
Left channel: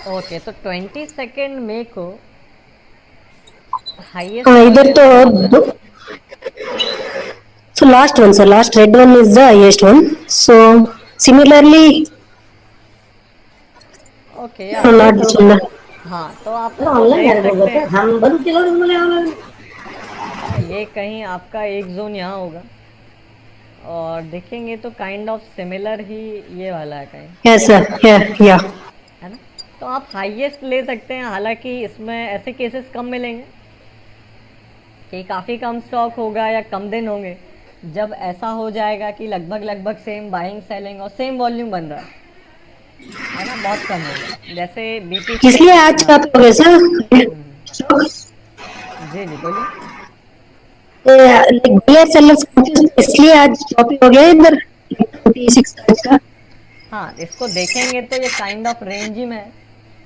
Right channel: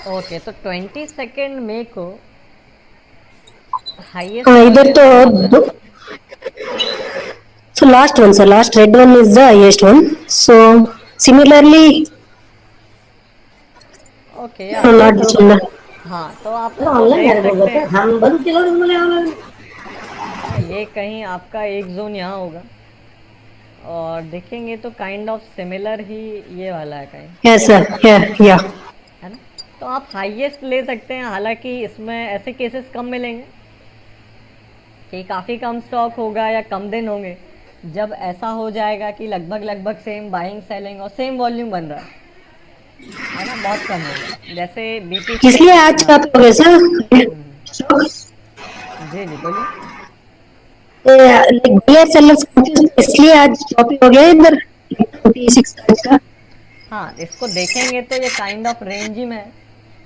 ओके, तो 22 मई को हाईएस्ट इधर वॉल्यूम। तो so last one sir, last red one is the highest one, so similarly okay, not similar. हाँ तो आप उसको देख सकते हैं। हाँ, ये कहीं आपका एक जोन यहाँ होगा, और देखेंगे तो काइंड ऑफ सिमिलर ही ये वाला है कहीं, Yes sir, yeah. है ना। तो आप हाईएस्ट ले सकते हैं, हालांकि इसमें ऐसे केसेस कम मिलेंगे कि काफ़ी कम स्टॉक होगा या कम दिन होंगे, जब ऐसा हो जाएगा कि लगभग लगभग सेम बाइंग सेलिंग और सेम वॉल्यूम बन रहा है ना, बहुत कम होगा, जैसे बीपीसी। इसलिए आज क्या हो गया सर, जी जी बोलिए। लाइक सेलर्स, इसलिए आज टॉपिक हो गया इधर 46 का। हाँ, इसको देखेंगे तो ये काइंड ऑफ रेंज ही में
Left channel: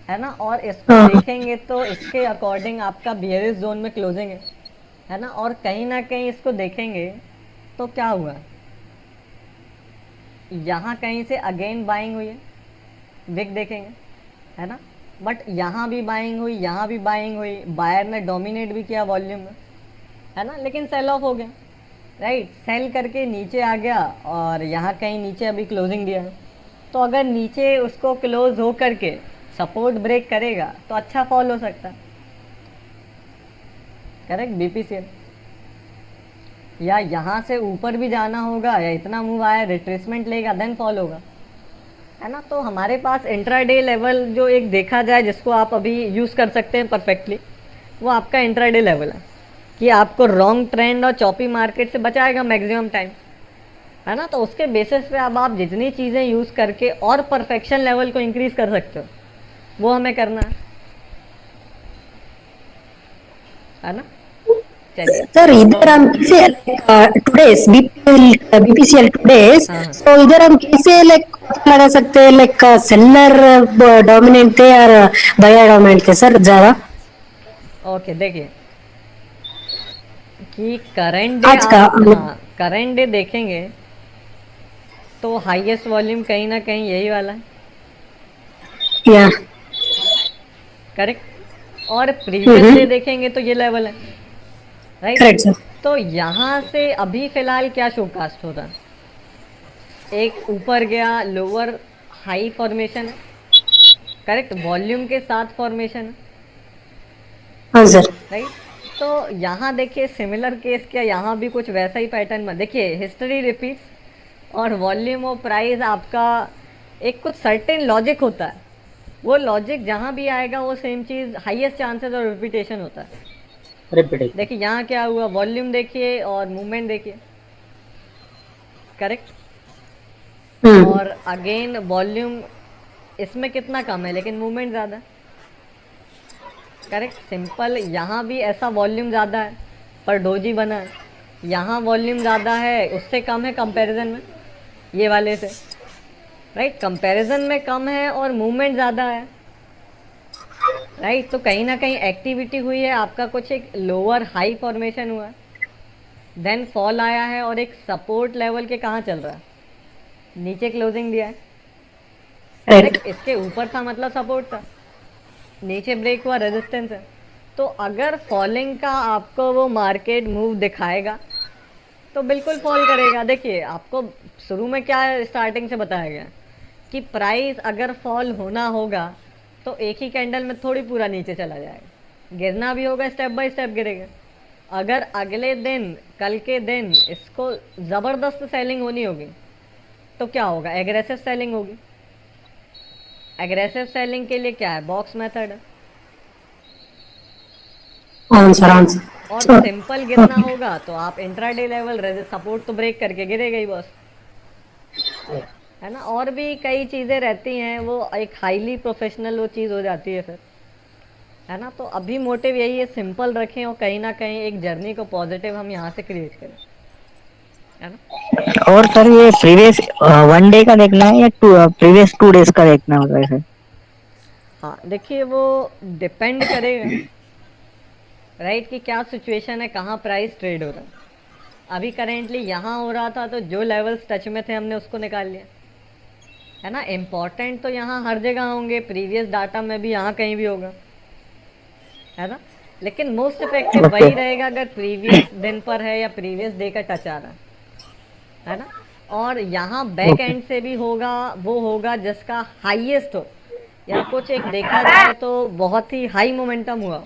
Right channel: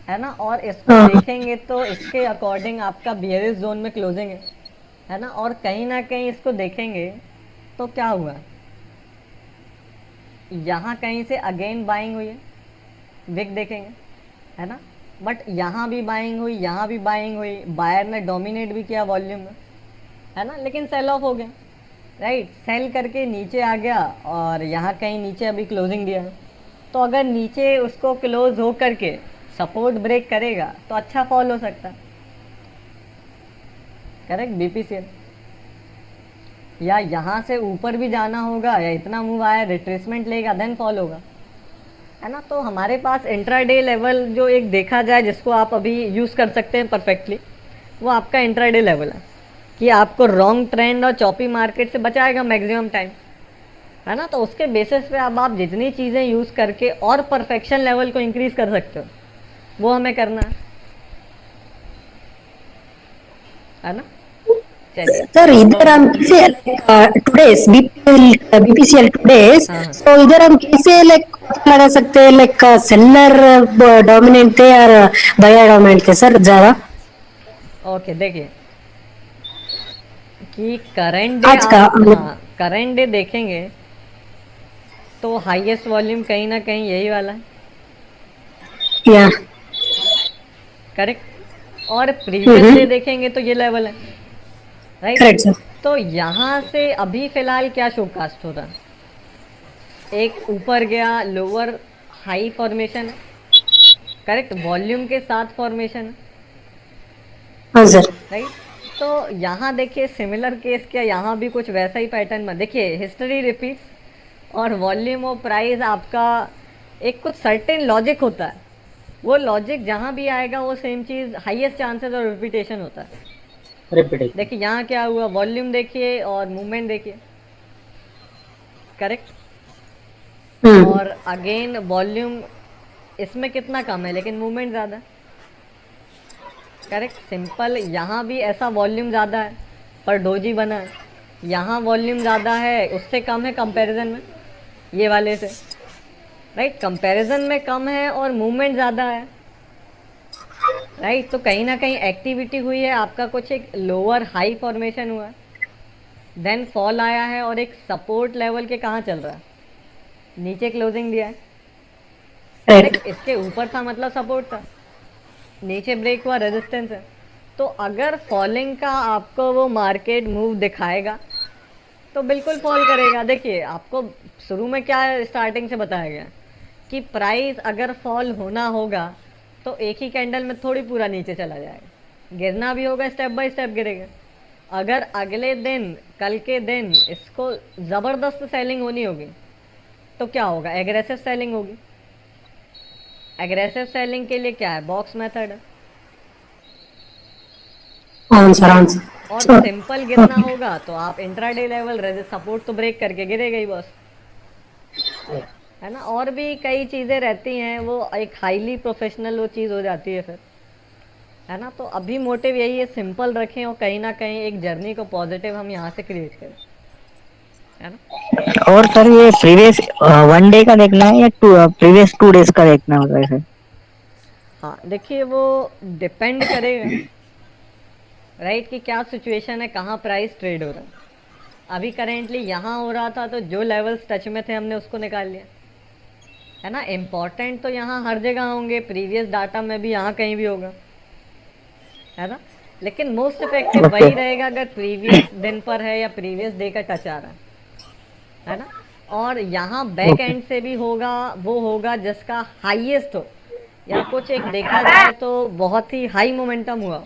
है ना, और इसको देखेंगे तो इसके अकॉर्डिंग आपका बियरिश जोन में क्लोजिंग है ना, और कहीं ना कहीं इसको देखेंगे तो क्या हुआ, यहाँ कहीं से अगेन बाइंग हुई है, विक देखेंगे, है ना, बट यहाँ भी बाइंग हुई, यहाँ भी बाइंग हुई, बायर ने डोमिनेट भी किया वॉल्यूम में, है ना, लेकिन सेल ऑफ हो गया। राइट, सेल करके नीचे आ गया, और यहाँ कहीं नीचे अभी क्लोजिंग दिया है, तो अगर नीचे उसको क्लोज हो करके सपोर्ट ब्रेक करेगा तो अच्छा फॉल हो सकता है, करेक्ट बीपीसीएल। या यहाँ से ऊपर भी जाना होगा, या इतना मूव आया रिट्रेसमेंट लेगा देन फॉल होगा, है ना। तो हमारे पास इंट्राडे लेवल जो एक देखा जाए जिसको आप अभी यूज़ कर सकते हैं परफेक्टली, वो आपका इंट्राडे लेवल है, कि आपको रॉन्ग ट्रेंड और चॉपी मार्केट से बचाएगा मैक्सिमम टाइम, है ना। तो उसके बेसिस पे अब आप जितनी चीज़ें यूज़ करके और परफेक्शन लेवल को इंक्रीज कर सकते हो, वो हमें करना है ना। चलिए, सर इधर हम कैसे टुडेस बीपीसीएल टुडेस, हाँ हाँ, तो इधर हम कैसे लाइक लगा सकते हैं, लाइक सेलर डोमिनेंट थे और बायर डोमिनेंट थे सर ज्यादा ओके, देखिए कि करंट डे आज का? आप करंट डे देखेंगे तो हाईएस्ट वॉल्यूम कहीं ना कहीं यही वाला, या करेक्ट, और प्रीवियस डे देखेंगे तो ये लेवल है, राइट। Correct sir. तो यहाँ से अभी फिलहाल क्या शोकास्ट हो रहा है, एक ऊपर गया लोअर हाई फॉर्मेशन है, करेक्ट, वॉल्यूम के साथ फॉर्मेशन है, हाँ सर। राइट। तो यहाँ देखिए सिमिलर केस क्या, यहाँ भी कुछ वैसा ही पैटर्न में, देखिए हिस्ट्री रिपीट्स, और वॉल्यूम और प्राइस आपका एक कुछ सर्टेन लॉजिक होता है, वो लॉजिक जहाँ भी आएगा वो सेम चीज़, हाईएस्ट चांसेस और रिपीटेशन होता है। देखिए यहाँ क्या हुआ, वॉल्यूम देखिए और मूवमेंट देखिए, करेक्ट, और अगेन वॉल्यूम इसमें कितना कम है लेकिन मूवमेंट ज़्यादा है, करेक्ट, सिंपल। यहाँ भी ऐसा वॉल्यूम ज़्यादा है पर डोजी बना है, यहाँ वॉल्यूम ज़्यादा है उससे कम है कंपैरिजन में ये वाले से, राइट, कंपैरिजन में कम है और मूवमेंट ज़्यादा है, राइट। तो कहीं ना कहीं एक्टिविटी हुई है, आपका कुछ एक लोअर हाई फॉर्मेशन हुआ है, देन फॉल आया है और एक सपोर्ट लेवल के कहाँ चल रहा है, नीचे क्लोजिंग दिया है, करेक्ट। इसके ऊपर था मतलब सपोर्ट था, नीचे ब्रेक हुआ रेजिस्टेंस है। तो अगर फॉलिंग का आपको वो मार्केट मूव दिखाएगा तो बिल्कुल फॉल करेगा। देखिए आपको शुरू में क्या स्टार्टिंग से बताया गया कि प्राइस अगर फॉल होना होगा तो एक ही कैंडल में थोड़ी पूरा नीचे चला जाएगा, गिरना भी होगा, स्टेप बाय स्टेप गिरेगा। अगर अगले दिन कल के दिन इसको जबरदस्त सेलिंग होनी होगी तो क्या होगा, एग्रेसिव सेलिंग होगी। एग्रेसिव सेलिंग के लिए क्या है, बॉक्स मेथड है। Answer answer. और सिंपल गिरना होगा तो आप इंट्राडे लेवल सपोर्ट तो ब्रेक करके गिरेगा ही बस, है ना। और भी कई चीजें रहती हैं, वो एक हाईली प्रोफेशनल वो चीज हो जाती है फिर, है ना। तो अभी मोटिव यही है, सिंपल रखें और कहीं ना कहीं एक जर्नी को पॉजिटिव हम यहाँ से क्रिएट करें, है ना। और सर ये प्रीवियस 1 डे का देखना है या प्रीवियस 2 डेज का देखना होगा सर? हाँ देखिए वो डिपेंड करेगा राइट कि क्या सिचुएशन है, कहाँ प्राइस ट्रेड हो रहा है। अभी करेंटली यहाँ हो रहा था तो जो लेवल्स टच में थे हमने उसको निकाल लिया, है ना। इम्पोर्टेंट तो यहाँ हर जगह होंगे, प्रीवियस डाटा में भी यहाँ कहीं भी होगा, है ना। लेकिन मोस्ट इफेक्टिव वही रहेगा अगर प्रीवियस दिन पर है या प्रीवियस डे का टच आ रहा है ना। और यहाँ बैक एंड से भी होगा, वो होगा जिसका हाईएस्ट हो, या कुछ एक देखा जाए तो बहुत ही हाई मोमेंटम हुआ,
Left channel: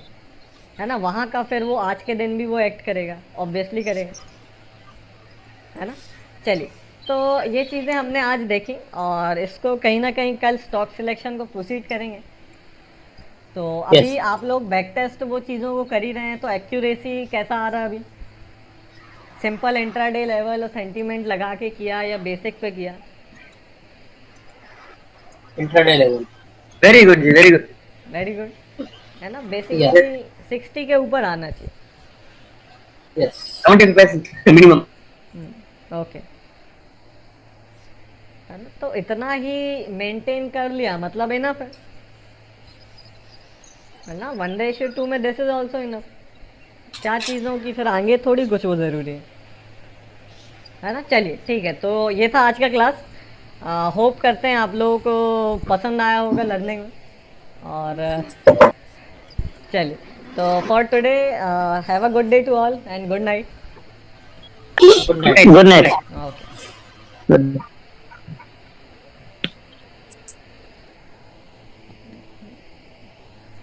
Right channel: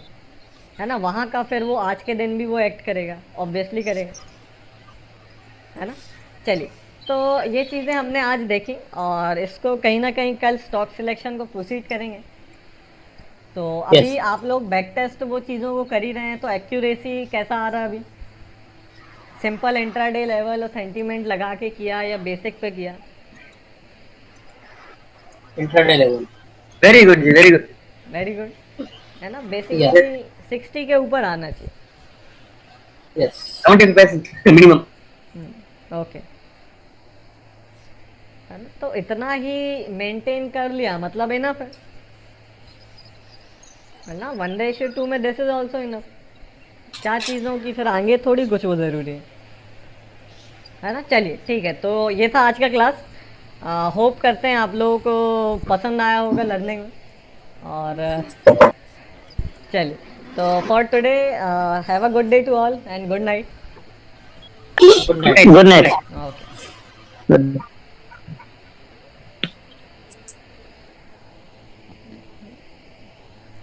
है ना, वहाँ का फिर वो आज के दिन भी वो एक्ट करेगा, ऑब्वियसली करेगा, है ना। चलिए तो ये चीज़ें हमने आज देखी और इसको कहीं ना कहीं कल स्टॉक सिलेक्शन को प्रोसीड करेंगे। तो अभी आप लोग बैक टेस्ट वो चीज़ों को कर ही रहे हैं, तो एक्यूरेसी कैसा आ रहा है अभी, सिंपल इंट्राडे लेवल और सेंटीमेंट लगा के किया या बेसिक पे किया? इंट्राडे लेवल वेरी गुड जी, वेरी गुड। वेरी गुड, है ना। बेसिकली 60 के ऊपर आना चाहिए। Yes 70% minimum. ओके, तो इतना ही मेंटेन कर लिया मतलब इनफ है ना। 1:2 में दिस इज ऑल्सो इनफ। क्या चीज़ों की फिर आगे थोड़ी कुछ वो ज़रूरी है ना। चलिए ठीक है, तो ये था आज का क्लास। होप करते हैं आप लोगों को पसंद आया होगा लर्निंग में। और चलिए तो for today have a good day to all and good night. Good night. Good night.